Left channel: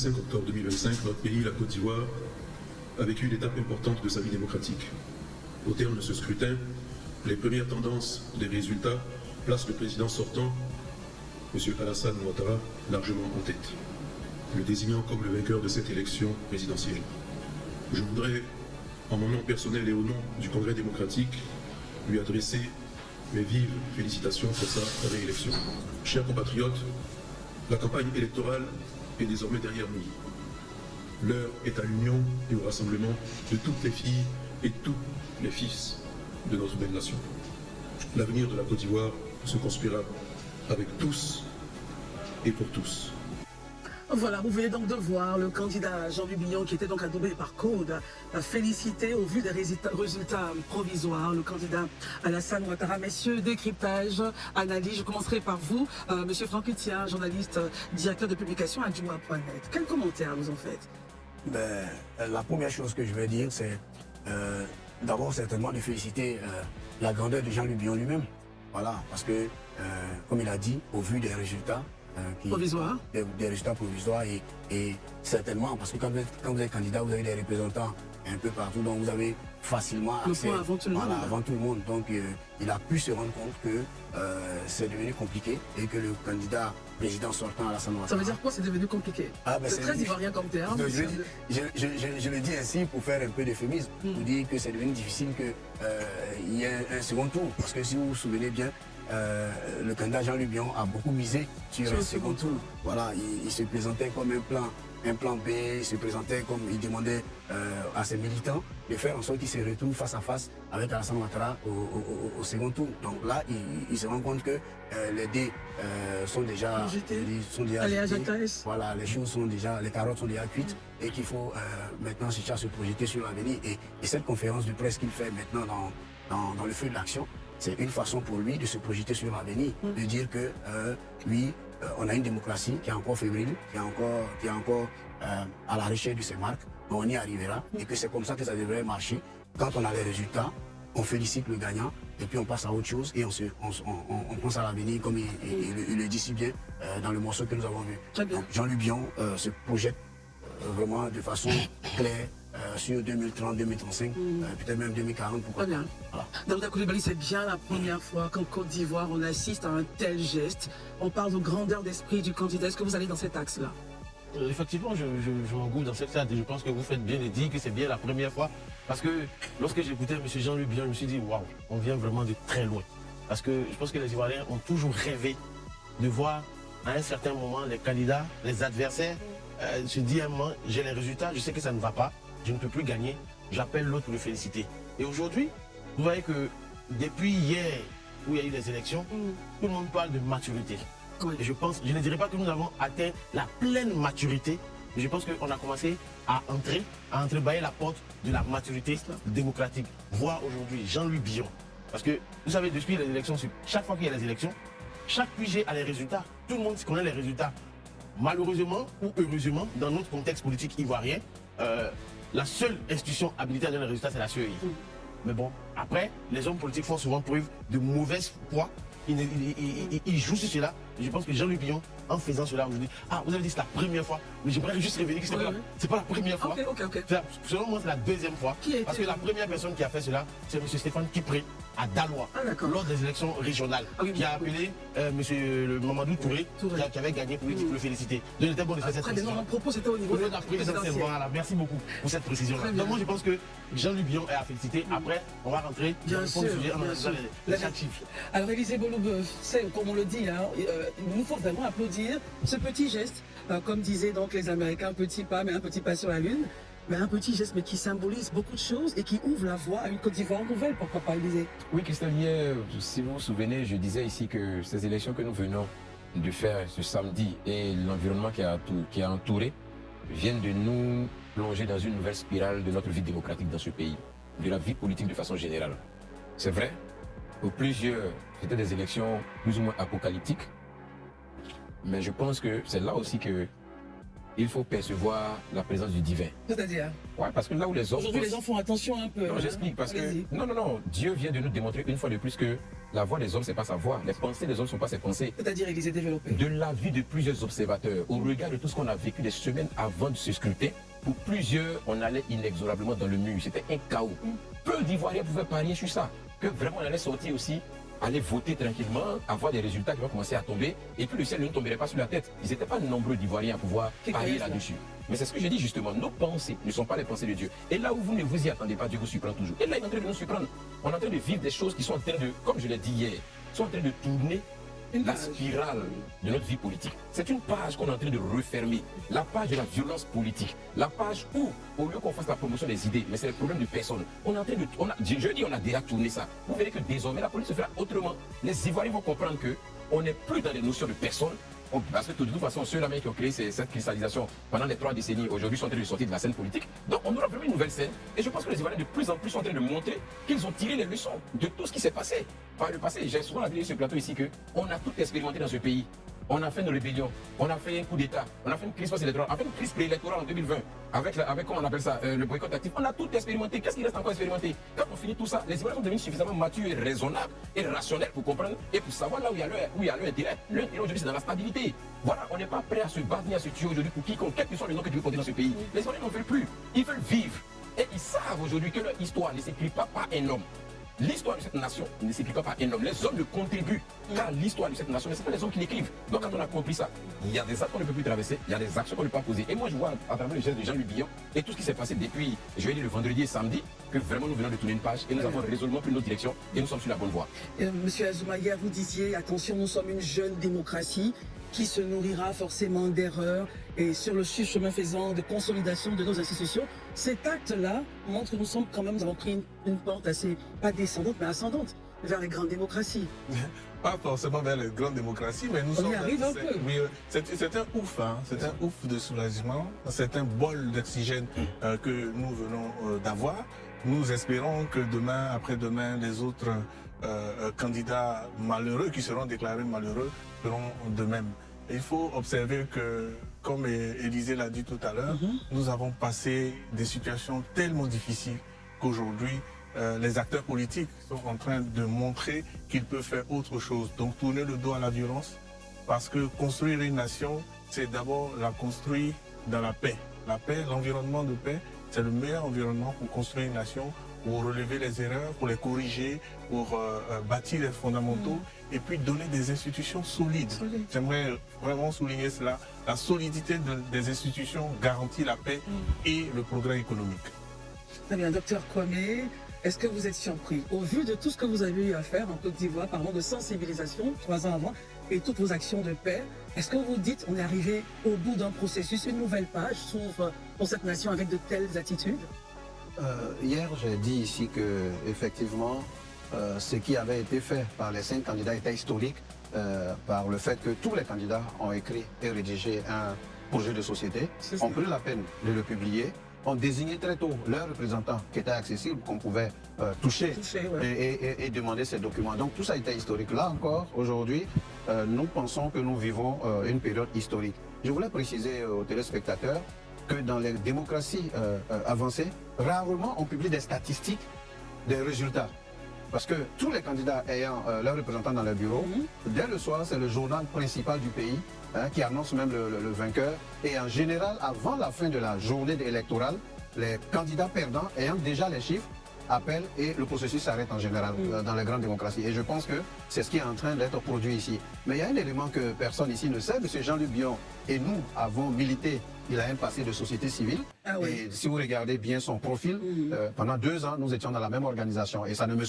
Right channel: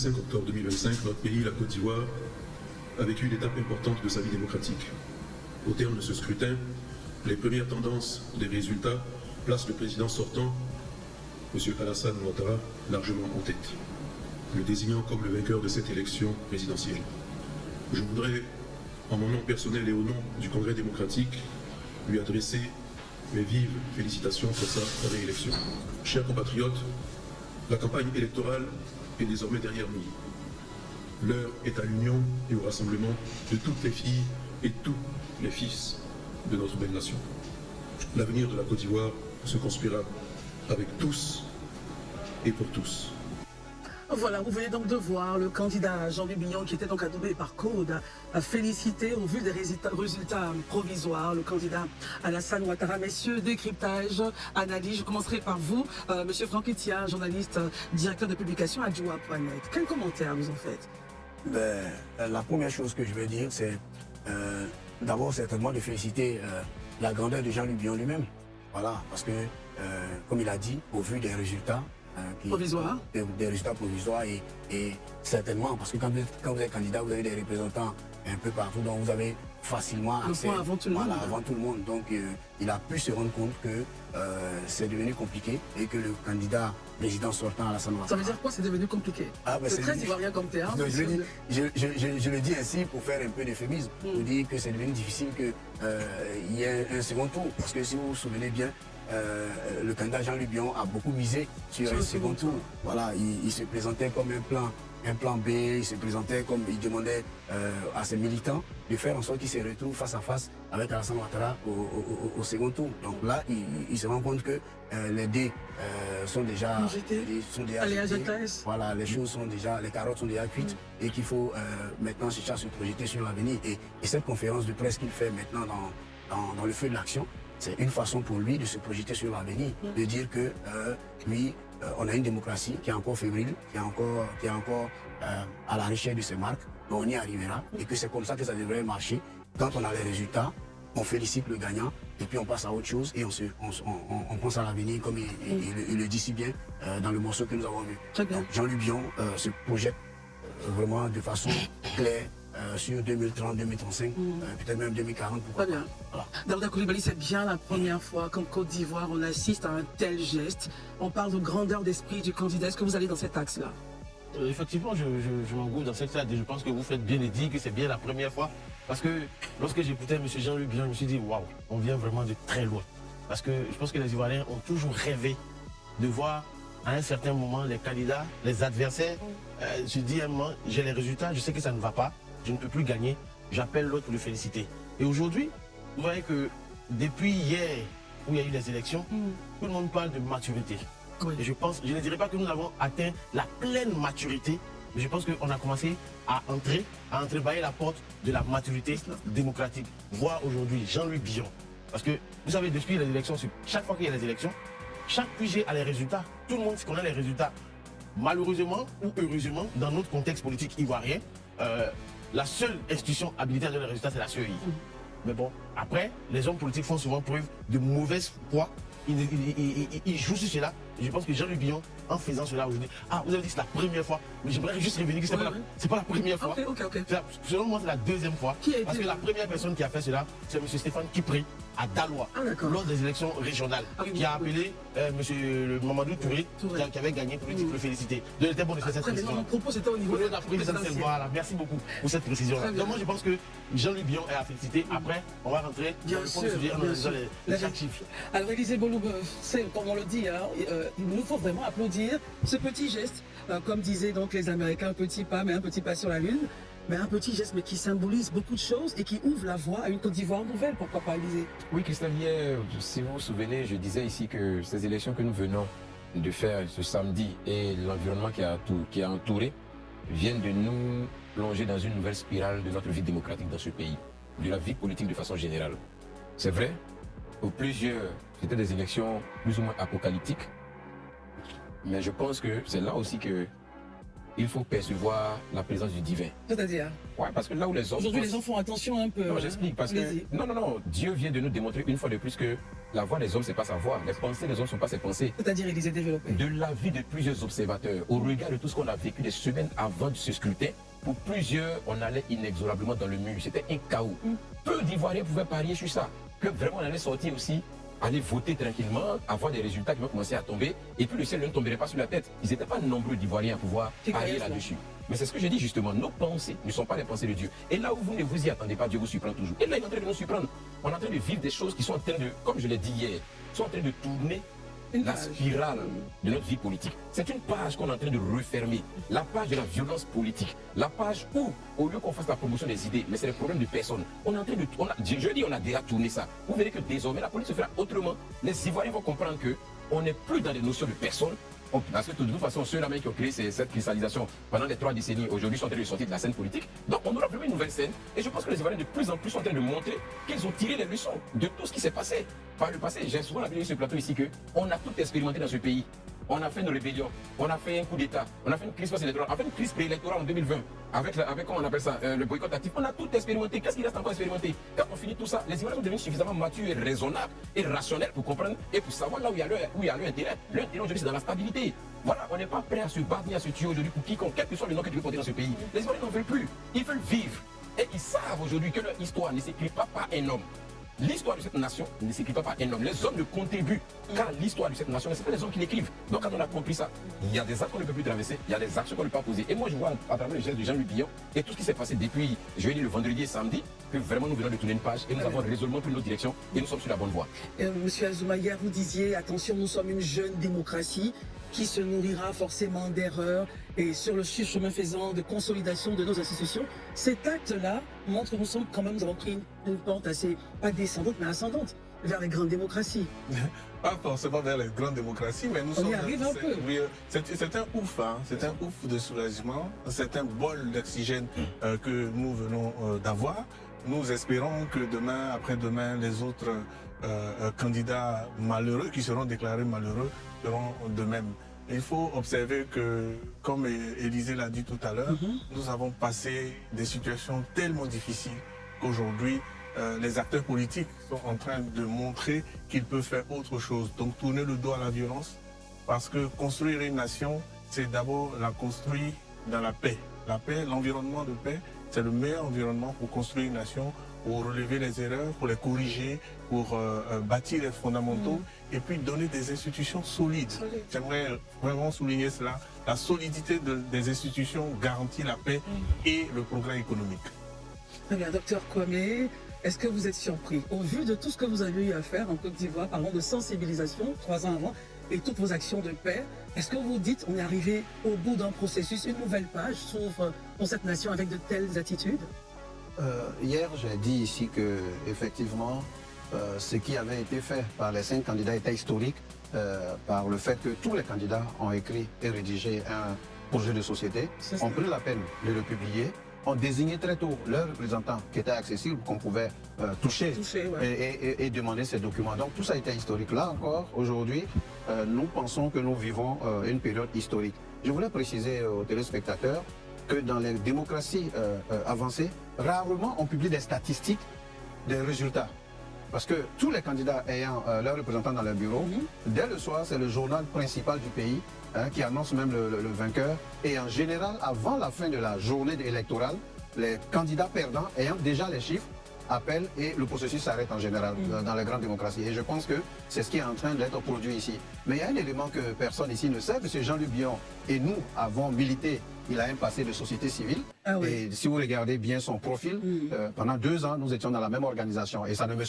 5 octobre 2025, notre pays, la Côte d'Ivoire, a vécu une étape importante de sa vie démocratique. Au terme de ce scrutin, les premières tendances des résultats placent le président sortant, M. Alassane Ouattara, largement en tête, le désignant comme le vainqueur de cette élection présidentielle. Je voudrais, en mon nom personnel et au nom du Congrès démocratique, lui adresser mes vives félicitations pour sa réélection. Chers compatriotes, la campagne électorale est désormais derrière nous. L'heure est à l'union et au rassemblement de toutes les filles et tous les fils de notre belle nation. L'avenir de la Côte d'Ivoire se construira avec tous et pour tous. Voilà, vous venez donc de voir le candidat Jean-Louis Billon qui était donc adoubé par Code, félicité au vu des résultats provisoires, le candidat Alassane Ouattara. Messieurs, décryptage, analyse, je commencerai par vous, monsieur Franck Itia, journaliste, directeur de publication à Djoua.net. Quel commentaire vous en faites? La première chose que je vais dire, c'est d'abord certainement de féliciter la grandeur de Jean-Louis Billon lui-même. Voilà, parce que, comme il a dit, au vu des résultats, provisoires. Des résultats provisoires et certainement, parce que quand vous êtes candidat, vous avez des représentants un peu partout, donc vous avez facilement accès avant tout le monde. Avant tout le monde. Donc il a pu se rendre compte que c'est devenu compliqué et que le candidat président sortant Alassane Ouattara. Ça veut dire quoi, c'est devenu compliqué? C'est très ivoirien comme terme. Je le dis ainsi pour faire un peu d'euphémisme, pour dire que c'est devenu difficile qu'il y ait un second tour. Parce que si vous vous souvenez bien, le candidat Jean-Louis Billon a beaucoup misé sur un second tour. Voilà, il se présentait comme un plan B, il se présentait comme il demandait à ses militants de faire en sorte qu'ils se retrouvent face à face avec Alassane Ouattara au second tour. Donc là, il se rend compte que les dés sont déjà jetés. Voilà, les choses sont déjà, les carottes sont déjà cuites et qu'il faut maintenant se projeter sur l'avenir. Et cette conférence de presse qu'il fait maintenant dans le feu de l'action, c'est une façon pour lui de se projeter sur l'avenir, de dire que lui, on a une démocratie qui est encore fébrile, qui est encore à la recherche de ses marques, mais on y arrivera et que c'est comme ça que ça devrait marcher. Quand on a les résultats, on félicite le gagnant et puis on passe à autre chose et on pense à l'avenir comme il le dit si bien dans le morceau que nous avons vu. Donc Jean-Louis Billon se projette vraiment de façon claire sur 2030, 2035, peut-être même 2040, pourquoi pas. Voilà. Daouda Coulibaly, c'est bien la première fois qu'en Côte d'Ivoire, on assiste à un tel geste. On parle de grandeur d'esprit du candidat. Est-ce que vous allez dans cet axe-là? Effectivement, je m'engouffre dans cette salle et je pense que vous faites bien de dire que c'est bien la première fois. Parce que lorsque j'écoutais M. Jean-Louis Billon, je me suis dit, waouh, on vient vraiment de très loin. Parce que je pense que les Ivoiriens ont toujours rêvé de voir à un certain moment les candidats, les adversaires, se dire, moi, j'ai les résultats, je sais que ça ne va pas. Je ne peux plus gagner, j'appelle l'autre pour le féliciter. Et aujourd'hui, vous voyez que depuis hier, où il y a eu les élections, tout le monde parle de maturité. Oui. Et je ne dirais pas que nous avons atteint la pleine maturité, mais je pense qu'on a commencé à entrebâiller la porte de la maturité démocratique. Voir aujourd'hui Jean-Louis Billon. Parce que vous savez, depuis les élections, chaque fois qu'il y a les élections, chaque QG a les résultats. Tout le monde connaît les résultats. Malheureusement ou heureusement, dans notre contexte politique ivoirien, la seule institution habilitée à donner les résultats, c'est la CEI. Mais bon, après, les hommes politiques font souvent preuve de mauvaise foi. Ils jouent sur cela. Et je pense que Jean-Louis Billon, en faisant cela aujourd'hui, vous avez dit que c'est la première fois, mais j'aimerais juste revenir que c'est pas la première fois. Selon moi, c'est la deuxième fois. Parce que la première personne qui a fait cela, c'est M. Stéphane Kipré à Daloa, lors des élections régionales, qui a appelé M. Mamadou Touré, qui avait gagné pour lui le féliciter. Donc, il était bon de faire cette précision. Mon propos, c'était au niveau de la présidentielle. Voilà, merci beaucoup pour cette précision-là. Donc, moi, je pense que Jean-Louis Billon est à féliciter. Après, on va rentrer dans le fond du sujet en analysant les actifs. Alors, Élisée Bolobeuf, c'est comme on le dit, hein, il nous faut vraiment applaudir ce petit geste, comme disaient donc les Américains, un petit pas, mais un petit pas sur la Lune, mais un petit geste, mais qui symbolise beaucoup de choses et qui ouvre la voie à une Côte d'Ivoire nouvelle, pourquoi pas, Élisée? Oui, Christophe, hier, si vous vous souvenez, je disais ici que ces élections que nous venons de faire ce samedi et l'environnement qui a entouré viennent de nous plonger dans une nouvelle spirale de notre vie démocratique dans ce pays, de la vie politique de façon générale. C'est vrai, pour plusieurs, c'était des élections plus ou moins apocalyptiques, mais je pense que c'est là aussi qu'il il faut percevoir la présence du divin. C'est-à-dire, Ouais, parce que là où les hommes... aujourd'hui, les enfants, attention un peu. Non, j'explique parce que... Allez-y. Non, Dieu vient de nous démontrer une fois de plus que la voix des hommes, c'est pas sa voix. Les pensées des hommes ne sont pas ses pensées. C'est-à-dire, il les a développés. De l'avis de plusieurs observateurs, au regard de tout ce qu'on a vécu des semaines avant de ce scrutin, pour plusieurs, on allait inexorablement dans le mur. C'était un chaos. Peu d'Ivoiriens pouvaient parier sur ça. Que vraiment on allait sortir aussi, aller voter tranquillement, avoir des résultats qui vont commencer à tomber, et puis le ciel ne tomberait pas sur la tête. Ils n'étaient pas nombreux d'Ivoiriens à pouvoir parier là-dessus. Mais c'est ce que j'ai dit justement, nos pensées ne sont pas les pensées de Dieu. Et là où vous ne vous y attendez pas, Dieu vous surprend toujours. Et là, il est en train de nous surprendre. On est en train de vivre des choses qui sont en train de, comme je l'ai dit hier, sont en train de tourner la spirale de notre vie politique. C'est une page qu'on est en train de refermer. La page de la violence politique. La page où, au lieu qu'on fasse la promotion des idées, mais c'est le problème de personne. On est en train de... je dis, on a déjà tourné ça. Vous verrez que désormais, la politique se fera autrement. Les Ivoiriens vont comprendre qu'on n'est plus dans les notions de personne. Parce que de toute façon, ceux-là qui ont créé cette cristallisation pendant les 3 décennies, aujourd'hui sont en train de sortir de la scène politique. Donc on aura vraiment une nouvelle scène. Et je pense que les Ivoiriens de plus en plus sont en train de montrer qu'ils ont tiré les leçons de tout ce qui s'est passé par le passé. J'ai souvent appelé sur ce plateau ici qu'on a tout expérimenté dans ce pays. On a fait une rébellion, on a fait un coup d'État, on a fait une crise post-électorale, on a fait une crise préélectorale en 2020 avec comment on appelle ça, le boycott actif. On a tout expérimenté. Qu'est-ce qui reste encore expérimenté? Quand on finit tout ça, les Ivoiriens sont devenus suffisamment matures et raisonnables et rationnels pour comprendre et pour savoir là où il y a leur intérêt. Leur intérêt aujourd'hui, c'est dans la stabilité. Voilà, on n'est pas prêt à se battre ni à se tuer aujourd'hui pour quiconque, quel que soit le nom que tu veux porter dans ce pays. Les Ivoiriens n'en veulent plus. Ils veulent vivre. Et ils savent aujourd'hui que leur histoire ne s'écrit pas par un homme. L'histoire de cette nation ne s'écrit pas par un homme. Les hommes ne contribuent qu'à l'histoire de cette nation, mais ce n'est pas les hommes qui l'écrivent. Donc quand on a compris ça, il y a des actes qu'on ne peut plus traverser, il y a des actions qu'on ne peut pas poser. Et moi je vois à travers le geste de Jean-Louis Billon et tout ce qui s'est passé depuis jeudi, le vendredi et samedi, que vraiment nous venons de tourner une page et nous avons résolument pris notre direction et nous sommes sur la bonne voie. Monsieur Azuma, hier vous disiez, attention, nous sommes une jeune démocratie qui se nourrira forcément d'erreurs et sur le chemin faisant de consolidation de nos institutions. Cet acte-là montre que nous sommes quand même, nous avons pris une pente assez, pas descendante, mais ascendante vers les grandes démocraties. Pas forcément vers les grandes démocraties, mais nous sommes... On y arrive un peu. Oui, c'est un ouf, hein, c'est un ouf de soulagement, c'est un bol d'oxygène que nous venons d'avoir. Nous espérons que demain, après-demain, les autres candidats malheureux qui seront déclarés malheureux feront de même. Il faut observer que, comme Élisée l'a dit tout à l'heure, nous avons passé des situations tellement difficiles qu'aujourd'hui, les acteurs politiques sont en train de montrer qu'ils peuvent faire autre chose. Donc tourner le dos à la violence, parce que construire une nation, c'est d'abord la construire dans la paix. La paix, l'environnement de paix, c'est le meilleur environnement pour construire une nation, pour relever les erreurs, pour les corriger, pour bâtir les fondamentaux et puis donner des institutions solides. J'aimerais vraiment souligner cela. La solidité des institutions garantit la paix et le progrès économique. Très bien, docteur Kwame, est-ce que vous êtes surpris au vu de tout ce que vous avez eu à faire en Côte d'Ivoire, parlons de sensibilisation 3 ans avant, et toutes vos actions de paix? Est-ce que vous dites on est arrivé au bout d'un processus, une nouvelle page s'ouvre pour cette nation avec de telles attitudes? Hier, j'ai dit ici que effectivement, ce qui avait été fait par les 5 candidats était historique par le fait que tous les candidats ont écrit et rédigé un projet de société, ont pris la peine de le publier, ont désigné très tôt leurs représentants qui étaient accessibles, qu'on pouvait toucher et demander ces documents. Donc tout ça a été historique. Là encore, aujourd'hui, nous pensons que nous vivons une période historique. Je voulais préciser aux téléspectateurs que dans les démocraties avancées, rarement on publie des statistiques des résultats. Parce que tous les candidats ayant leurs représentants dans leur bureau, dès le soir, c'est le journal principal du pays qui annonce même le vainqueur. Et en général, avant la fin de la journée électorale, les candidats perdants ayant déjà les chiffres appellent et le processus s'arrête en général dans les grandes démocraties. Et je pense que c'est ce qui est en train d'être produit ici. Mais il y a un élément que personne ici ne sait, M. Jean-Luc Billon et nous avons milité. Il a un passé de société civile. Et si vous regardez bien son profil, pendant 2 ans, nous étions dans la même organisation. Et ça ne me